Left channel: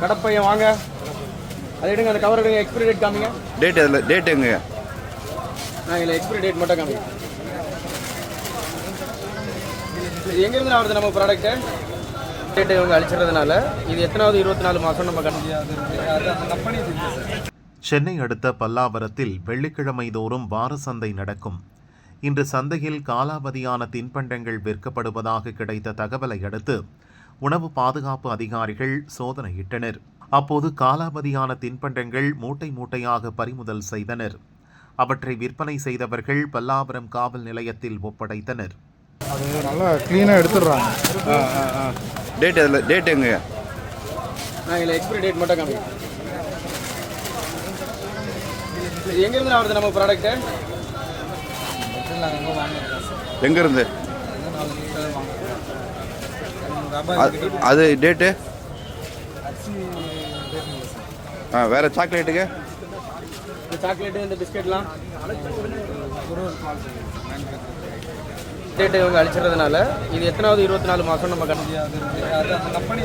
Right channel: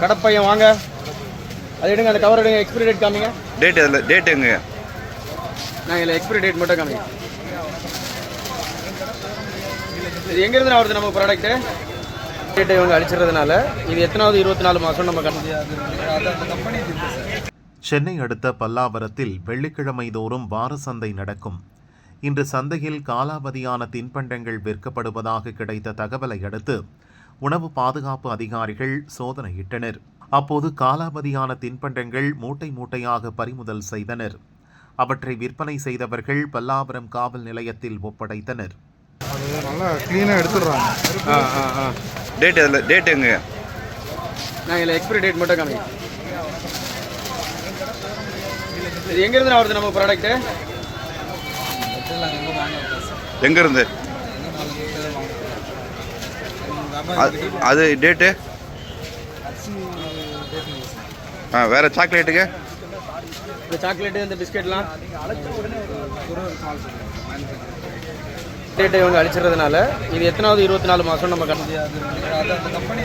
கடப்பையன் வாங்க. அது எடுங்க, அந்த கவர் எடுங்க, எக்ஸ்பிரி டேட் காமிங்க. டேட் அதில் டேட் எங்க? நான் இதில் எக்ஸ்பிரி டேட் மட்டும் காமிங்க. இது எங்கேருந்து வருது நம்ம ப்ராடக்ட்டு? டேட்டை இவங்க அழிச்சிடுறதுனால இது எத்தனாவது 24 மாதம் நம்ம கம்பெனி. சென்னை அடுத்த பல்லாவரத்தில் வெள்ளிக்கிழமை தோறும் வார சந்தை நடக்கும். இன்று சந்தையில் காலாவதியான தின்பண்டங்கள் விற்கப்படுவதாக கிடைத்த தகவலை அடுத்து உணவு பாதுகாப்பு அதிகாரிகள் சோதனையிட்டனர். அப்போது காலாவதியான தின்பண்டங்கள் மூட்டை மூட்டையாக பறிமுதல் செய்தனர். அவற்றை விற்பனை செய்தவர்கள் பல்லாவரம் காவல் நிலையத்தில் ஒப்படைத்தனர். டேட் அதில் டேட் எங்க? நான் இதில் எக்ஸ்பிரி டேட் மட்டும் காமிங்க. இது எங்கேருந்து வருது நம்ம ப்ராடக்ட்டு? எங்கேருந்து? அது டேட்டு? வேறு சாக்லேட்டுக்கு? இந்த சாக்லேட்டு, இந்த பிஸ்கெட்லாம் டேட்டை இவங்க அழிச்சிடுறதுனால இது எத்தனாவது 24 மாதம் நம்ம கம்பெனி.